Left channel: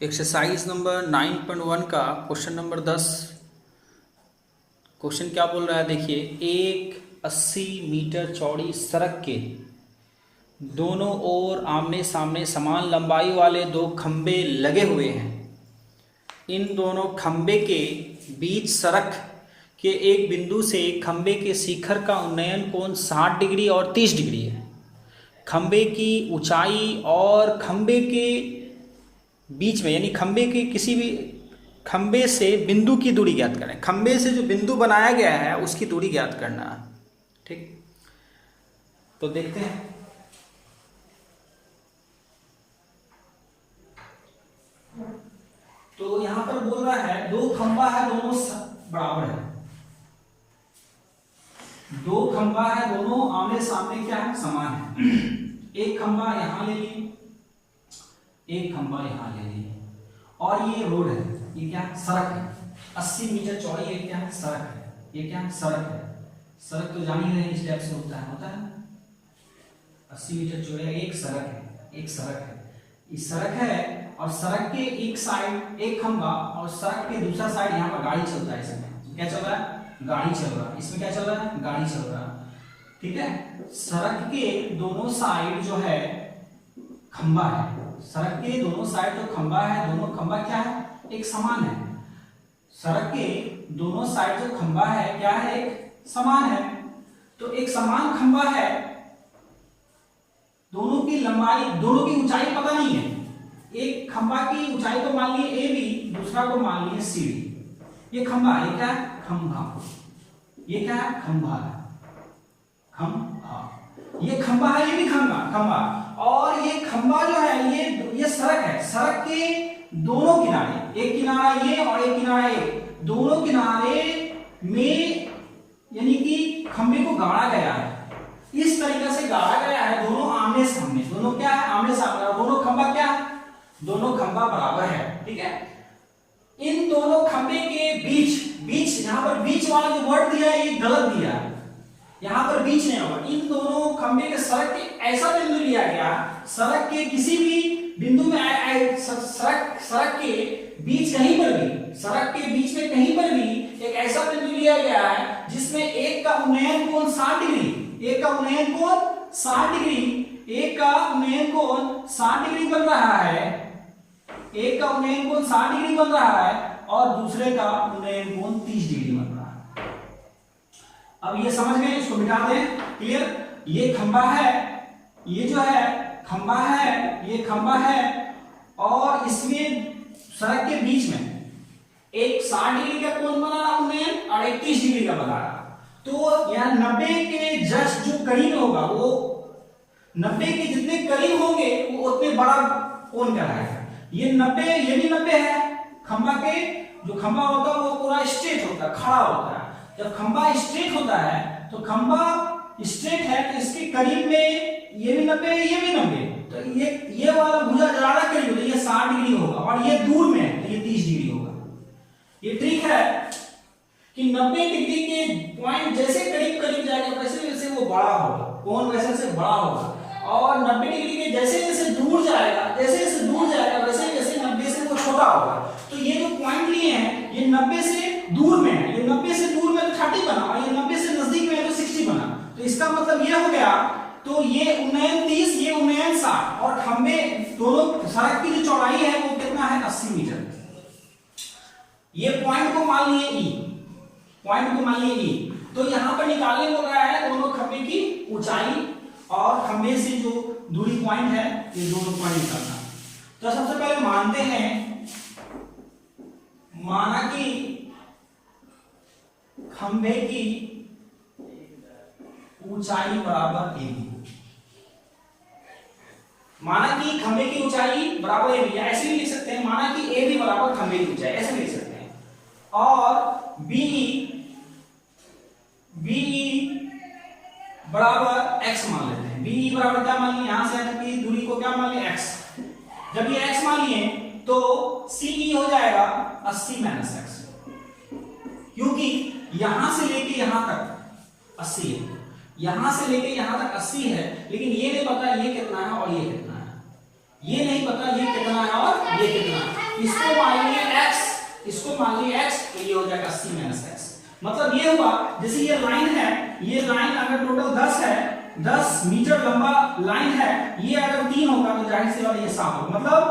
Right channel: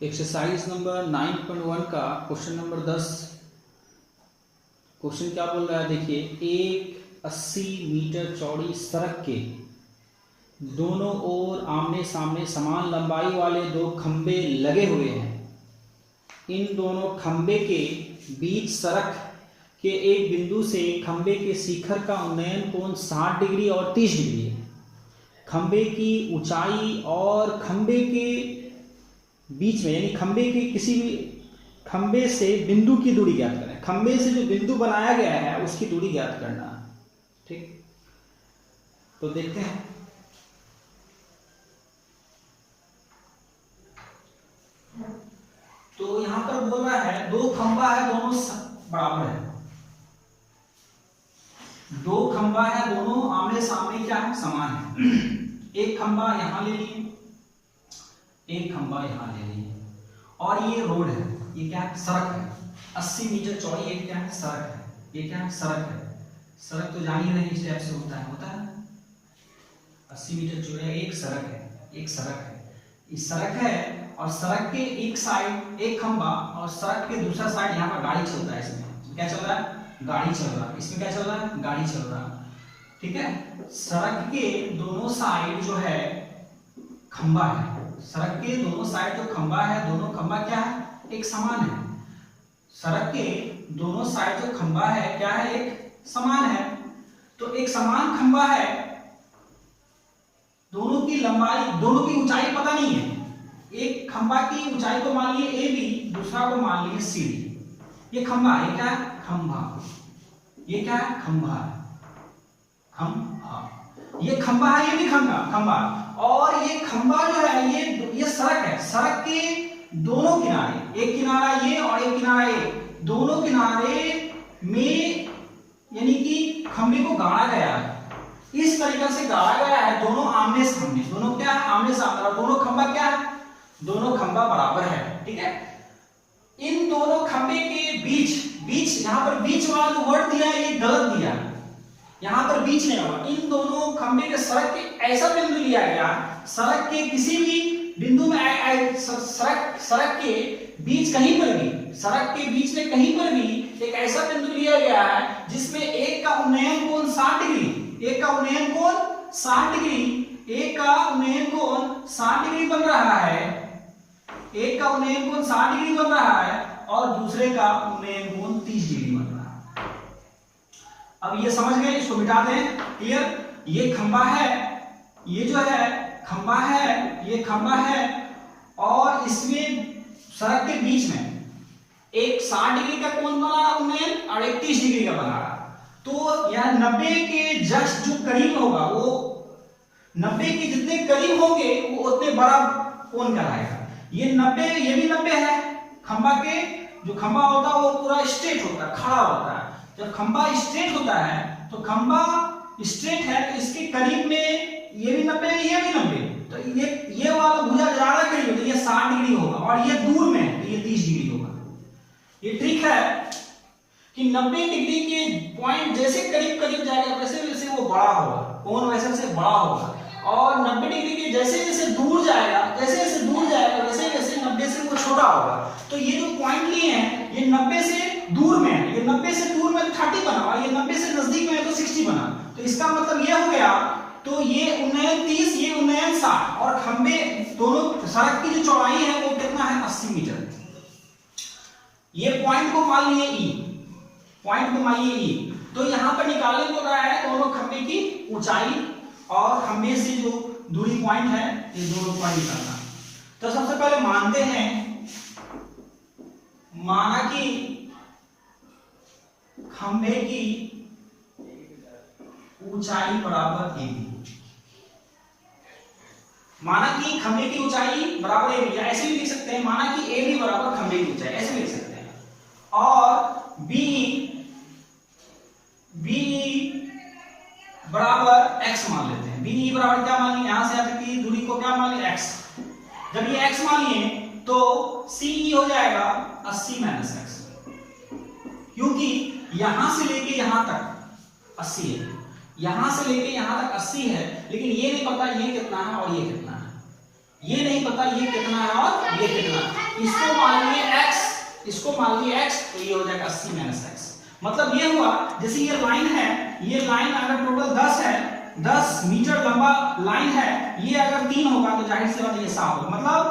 Exercise number 9.1 का question number 10। Question क्या बोल रहा है देखिए, एक 80 मीटर चौड़ी सड़क के दोनों ओर आमने सामने समान लंबाई वाले दो खंबे लगे हुए हैं। इन दोनों खंबे के बीच सड़क के एक बिंदु से खंबे के शिखर का उन्नयन कोण 60 डिग्री और 30 डिग्री है। खंबे की ऊंचाई और खंबे के बीच में यानी खंबे के किसी भी खंबे से बिंदु की दूरी ज्ञात करें। खंबे से जो बिंदु बनाया गया है उसकी दूरी ज्ञात करना है। ठीक, तो देखते हैं। तो यहां पर बोल रहा है दो खंबा है, दोनों बराबर है। दो खंबा है, दोनों आमने सामने क्या है, समान है। एक खंबा यहां ले लिए, एक खंबा यहां ले लिए, और ये रोड है, ये क्या है, सड़क है। 80 मीटर चौड़ी ये क्या है, सड़क है। ये क्या है, सड़क है। सड़क तो जान ही रहे इस टाइप से होता है 80 मीटर चौड़ी एक सड़क है, एक सड़क है। इस सड़क है और सड़क के एक साइड एक खंबा और सड़क के दूसरा साइड यहाँ पर गाड़ी चलता है। इसमें क्या चल रहा है, गाड़ी चल रहा है। इसमें क्या चल रहा है, गाड़ी चल रहा है। ठीक है, सड़क के दोनों साइड जो है खंबा है। सड़क के दोनों साइड जो खंबा है, दोनों खंबा क्या है, एक समान है। सड़क के दोनों साइड जो खंबा है क्या है, एक समान है। तो एक समान खंबा है, दोनों की लंबाई, दोनों की ऊंचाई पता नहीं है। एक खंबा की ऊंचाई को मान लिए AB, दूसरा को मान लिए CD। ये खंबा है, क्या है, खंबा। ये क्या है, खंबा है, खंबा। ये खंबा है, ये भी खंबा। और ये खंबा जो है ये सड़क है। सड़क के दोनों किनारे, एक किनारा ये और एक किनारा ये, दोनों किनारे में यानी कि खंबे को गाड़ा गया है। इस तरीके से गाड़ा गया है, दोनों आमने सामने, दोनों क्या है, आमने सामने। और दोनों खंबा क्या है, दोनों खंबा बराबर है। ठीक है, इन दोनों खंबे के बीच यहां पर बीच वाला जो वर्ड दिया है ये गलत दिया है। यहां पर बीच नहीं होगा। इन दोनों खंबे के सड़क के ऐसा बिंदु लिया गया, सड़क के किसी भी बिंदु में सड़क के बीच कहीं पर भी, सड़क के बीच में कहीं पर भी एक ऐसा बिंदु लिया गया है जिसमें एक का उन्नयन कोण 60 डिग्री, एक का उन्नयन कोण 60 डिग्री, एक का उन्नयन कोण 60 डिग्री बन रहा है। एक का उन्नयन कोण 60 डिग्री बन रहा है और दूसरे का उन्नयन कोण 30 डिग्री बन रहा है। अब ये समझ गए, इसको मिटा दें। क्लियर, ये खंबा है, ये जो है खंबा है, ये खंबा है और इसमें सड़क के बीच में एक 60 डिग्री का कोण बना रहा उन्नयन और एक 30 डिग्री का बना रहा। तो यह 90 के जस्ट जो करीब होगा, वो 90 के जितने करीब होंगे वो उतने बड़ा कोण कहलाएगा। ये 90, ये भी 90 है। खंबा के जो खंबा होता है वो पूरा स्ट्रेट होता है, खड़ा होता है। जब खंबा स्ट्रेट होता है तो खंबा स्ट्रेट है तो इसके करीब में ये भी 90 है, ये भी 90, तो ये वाला भुजा ज्यादा करीब होता है, ये 60 डिग्री होगा और ये दूर में है तो ये 30 डिग्री होगा। ये ट्रिक है कि 90 डिग्री के पॉइंट जैसे करीब करीब जाएगा वैसे वैसे वो बड़ा होगा, कोण वैसे से बड़ा होगा। और 90 डिग्री के जैसे जैसे दूर जाएगा, वैसे वैसे 90 से वो छोटा होगा। तो ये जो पॉइंट लिए हैं ये 90 से दूर में है, ये 90 से दूर में 30 बना और ये 90 से नजदीक में है तो 60 बना। तो इसका मतलब ये हो गया, तो ये उन्नयन 30, ये उन्नयन 60 और खंबे दोनों सड़क की जो चौड़ाई है वो कितना है, 80 मीटर। ये पॉइंट को मान लिए E, पॉइंट को मान लिए E। तो यहां पर निकालने बोल रहा है दोनों खंबे की ऊंचाई और खंबे से जो दूरी पॉइंट है, ये दोनों पॉइंट निकालना। तो सबसे पहले मानते हैं, माना कि खंबे की ऊंचाई बराबर AB। माना कि खंबे की ऊंचाई बराबर AB, या ऐसे भी लिख सकते हैं, माना कि AB बराबर खंबे की ऊंचाई, ऐसे लिख सकते हैं। और BE बराबर x मान लेते हैं। BE बराबर क्या मान लिए, यहां से यहां तक की दूरी को क्या मान लिए, x। जब ये x मान लिए तो CE हो जाएगा 80 - x, क्योंकि यहां से लेके यहां तक 80 है, यहां से लेके यहां तक 80 है, लेकिन ये नहीं पता ये कितना है और ये कितना है, ये नहीं पता ये कितना है और ये कितना है। इसको मान लिए x, इसको मान लिए x, तो ये हो जाएगा 80 माइनस x। मतलब ये हुआ जैसे ये लाइन है, ये लाइन अगर टोटल 10 है, 10 मीटर लंबा लाइन है, ये अगर 3 होगा तो जाहिर सी बात है ये 7 होगा, मतलब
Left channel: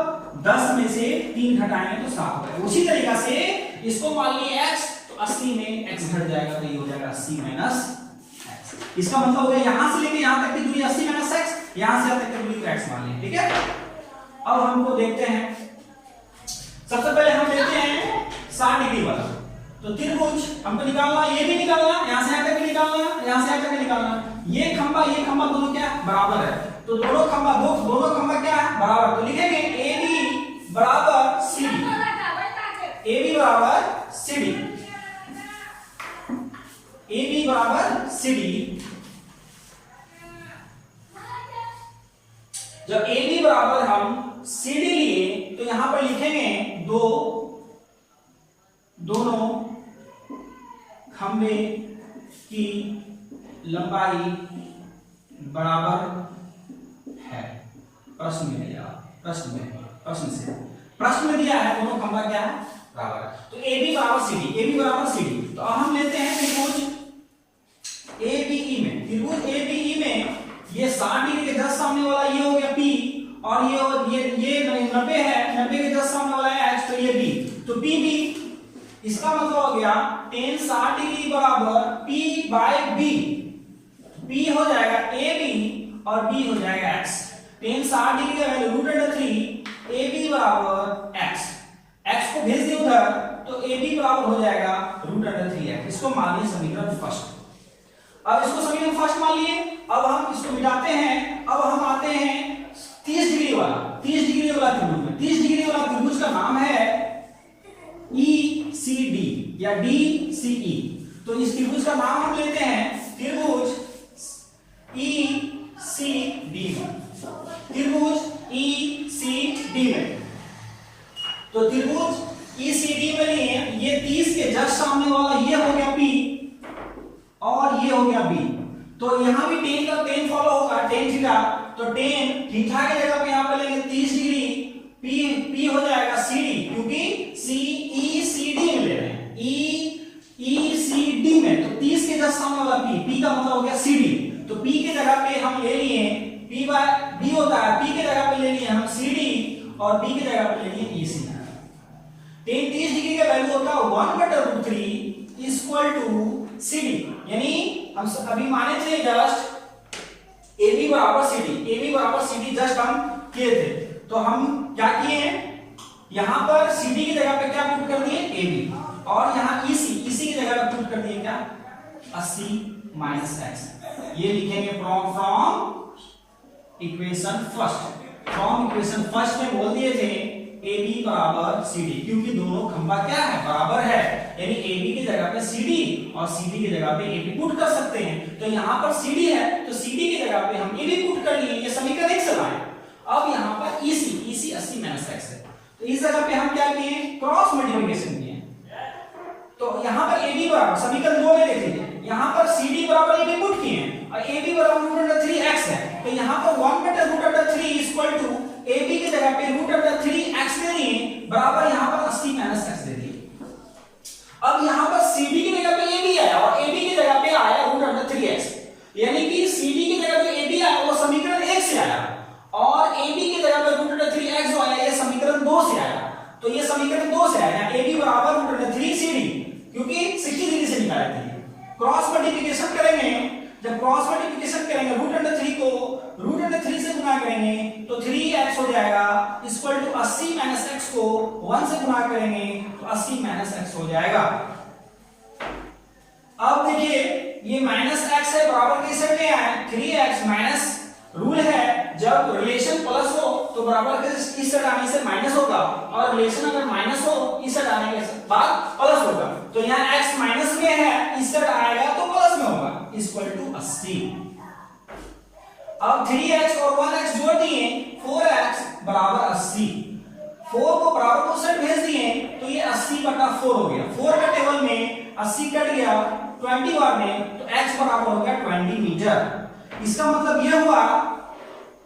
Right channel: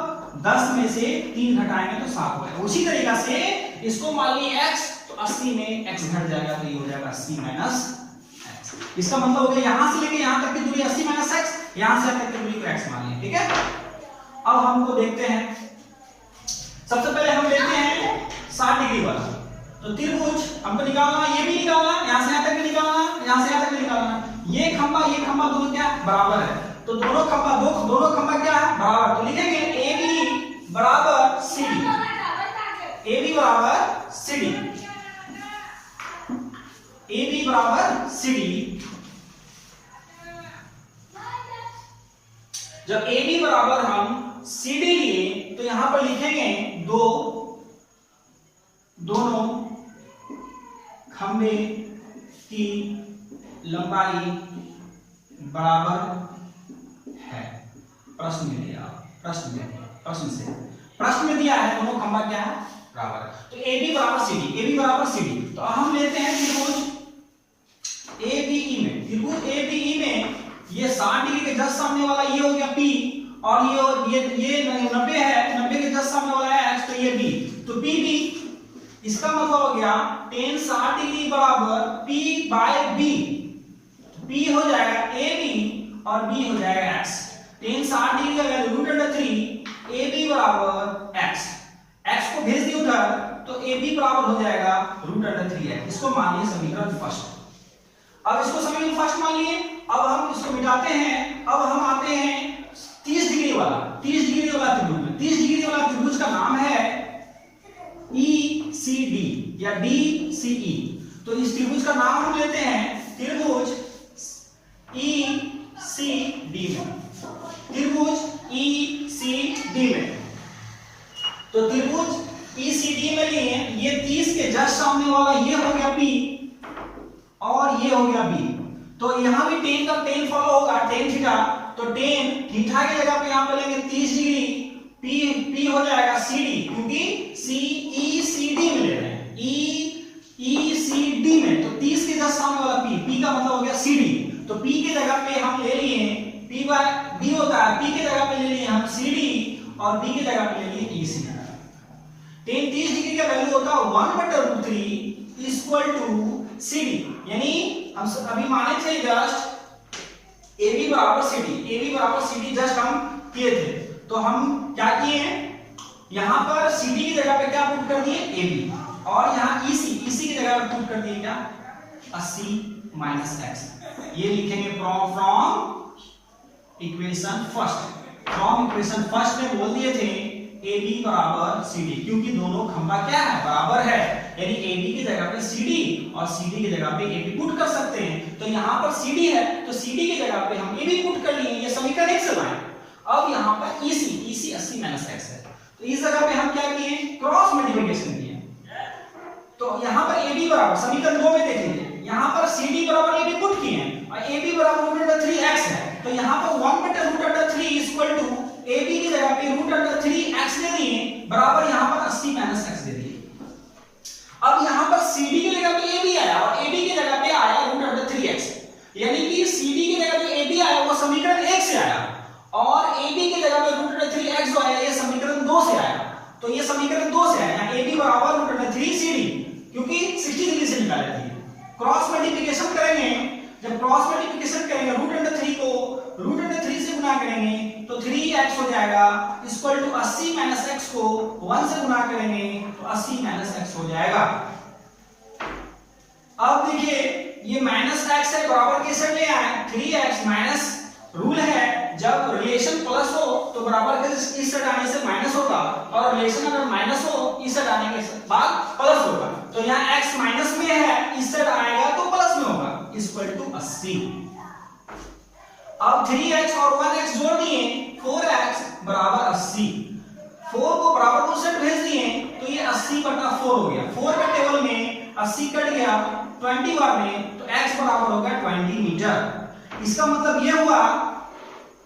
10 में से 3 घटाएंगे तो 7 होगा। उसी तरीका से इसको मान लिए x, तो 80 में x घट जाएगा, तो ये हो जाएगा 80 माइनस x। इसका मतलब हो गया यहां से लेके यहां तक की दूरी 80 माइनस x, यहां से यहां तक की दूरी को x मान ली, ठीक है। अब हमको देखते हैं, सबसे पहले हम लेते हैं 60 डिग्री वाला। तो त्रिभुज हमको निकालना, ये भी निकालना, यहां से यहां तक भी निकालना, यहां से यहां तक भी निकालना। ये खंभा दोनों क्या बराबर है, तो दोनों खंभा क्या है बराबर, तो लिखेंगे AB बराबर CD, AB बराबर CD, AB बराबर CD। जब AB बराबर हम CD लिए तो यहां पर लिखेंगे दोनों खंभे की लंबाई बराबर है। प्रश्न में दिया, प्रश्न में दिया है दोनों खंभा क्या है बराबर है। तो AB बराबर CD, तो हम लेते हैं त्रिभुज ABE में ये 60 डिग्री के जस्ट सामने वाला ये हो गया P, और ये 90 है, 90 के जस्ट सामने वाला है H, तो ये B, तो PB। इसका मतलब हो गया tan 60 डिग्री बराबर P बाय B, P हो जाएगा AB और B हो जाएगा X। tan 60 डिग्री का वैल्यू √3, AB बराबर X को भेज दिए उधर, तो AB बराबर हो जाएगा √3x। इसको मान लिए समीकरण फर्स्ट। अब इसको समीकरण फर्स्ट मान लिए, अब हम इसको मिटाते हैं। अब हम आते हैं 30 डिग्री वाला त्रिभुज में। 30 डिग्री वाला त्रिभुज का नाम है ECD या DCE। तो इस त्रिभुज का नाम हम लेते हैं त्रिभुज ECD में। तो त्रिभुज ECD में लिए ये 30 के जस्ट सामने वाला ये हो गया P और ये हो गया B। तो यहां भी tan का tan फॉलो होगा, tan थीटा, तो tan थीटा की जगह पे यहां पे लेंगे 30 डिग्री, P हो जाएगा CD, क्योंकि ECD में ले रहे हैं, ECD में, तो 30 के जस्ट सामने वाला P का मतलब हो गया CD। तो P की जगह पे हम ले लिए P बाय B होता है, P की जगह पे ले लिए हम CD और B की जगह पे ले लिए ECD। tan 30 डिग्री का वैल्यू होता है 1/√3 इक्वल टू CD, यानी हम अभी माने थे जस्ट AB बराबर CD जस्ट हम किए थे। तो हम क्या किए, यहां पर CD की जगह पे क्या पुट कर दिए AB, और यहां EC की जगह पे पुट कर दिए क्या 80 माइनस x। ये लिखेंगे फ्रॉम इक्वेशन फर्स्ट में बोल दिए थे AB बराबर CD, क्योंकि दोनों खंभा क्या है बराबर है, यानी AB की जगह पे CD और CD की जगह पे AB पुट कर सकते हैं। तो यहाँ पर CD है तो CD की जगह पे हम AB पुट कर लिए, ये समीकरण 1 से लाए। अब यहाँ पर EC 80 माइनस x है, तो इस जगह पे हम क्या किए क्रॉस मल्टीप्लिकेशन किए। तो यहाँ पर AB बराबर समीकरण 2 में देख लीजिए, यहाँ पर CD बराबर AB पुट किए और AB बराबर √3x है, तो यहाँ पर 1/√3 इक्वल टू AB की जगह पे √3x ले लिए बराबर यहाँ पर 80 माइनस x दे दिए। अब यहाँ पर CD की जगह पे AB आया और AB की जगह पे आया √3x, यानी कि CD की जगह पे AB आया वो समीकरण 1 से आया, और AB की जगह पे √3x जो आया ये समीकरण 2 से आया। तो ये समीकरण 2 से आया, यहाँ AB बराबर √3CD, क्योंकि 60 डिग्री से निकाले थे। क्रॉस मल्टीप्लिकेशन करेंगे, जब क्रॉस मल्टीप्लिकेशन करेंगे √3 को √3 से गुना करेंगे तो 3x हो जाएगा इक्वल टू 80 माइनस x को 1 से गुना करेंगे तो 80 माइनस x हो जाएगा। अब देखिए ये माइनस x है बराबर किससे ले आए 3x माइनस, रूल है जब रिलेशन प्लस हो तो बराबर के इस साइड आने से माइनस होगा, और रिलेशन अगर माइनस हो इस साइड आने के बाद प्लस होगा। तो यहाँ x माइनस में है, इस साइड आएगा तो प्लस में होगा, इक्वल टू 80। अब 3x और 1x जोड़ दिए 4x बराबर 80, 4 को बराबर उस साइड भेज दिए तो ये 80/4 हो गया। 4 का टेबल में 80 कट गया 20 बार में, तो x बराबर हो गया 20 मीटर। इसका मतलब यह हुआ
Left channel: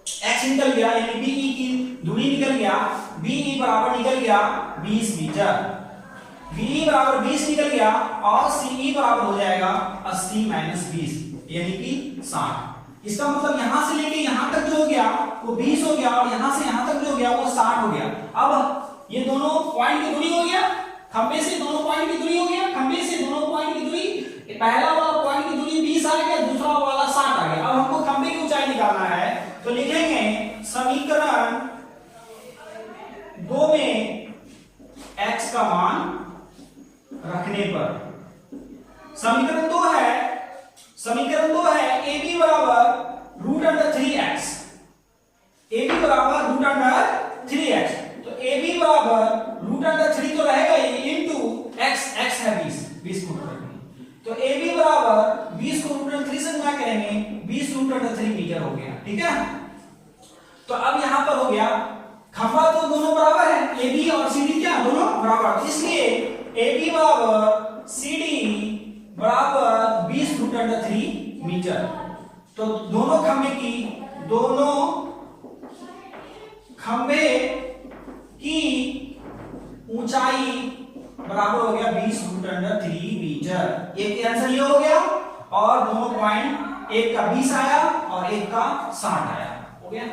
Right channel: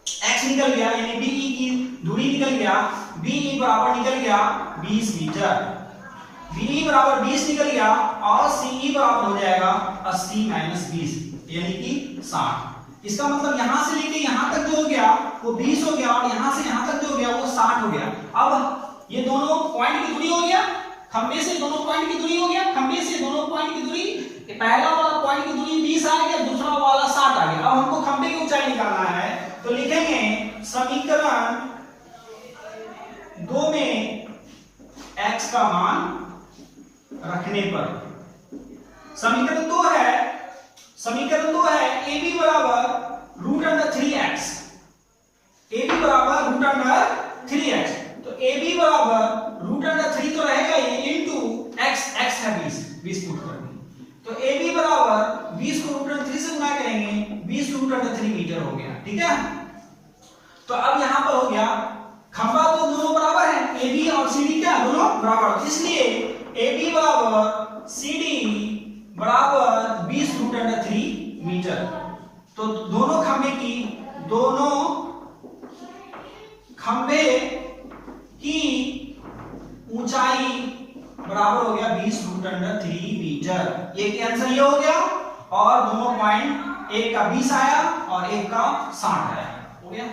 x निकल गया, यानी BE की दूरी निकल गया BE बराबर निकल गया 20 मीटर, BE बराबर 20 निकल गया और CE बराबर हो जाएगा 80 - 20 यानी कि 60। इसका मतलब यहां से लेके यहां तक जो हो गया वो 20 हो गया और यहां से यहां तक जो हो गया वो 60 हो गया। अब ये दोनों पॉइंट की दूरी हो गया, खंबे से दोनों पॉइंट की दूरी हो गया, खंबे से दोनों पॉइंट की दूरी, पहला वाला पॉइंट की दूरी 20 आ गया, दूसरा वाला 60 आ गया। अब हमको खंबे की ऊंचाई निकालना है तो लिखेंगे समीकरण 2 में x का मान रखने पर, समीकरण 2 है AB बराबर √3x, AB बराबर √3x, तो AB बराबर √3 तो रहेगा ही इनटू x, x है 20 पुट करेंगे, तो AB बराबर 20 को √3 से गुणा करेंगे, 20 √3 मीटर हो गया। ठीक है, तो अब यहां पर हो गया खंबा तो दोनों बराबर है, AB और CD क्या दोनों बराबर, इसलिए AB बराबर CD बराबर 20 √3 मीटर। तो दोनों खंबे की ऊंचाई बराबर हो गया 20 √3 मीटर। एक आंसर ये हो गया और दोनों पॉइंट, एक का 20 आया और एक का 60 आया, हो गया।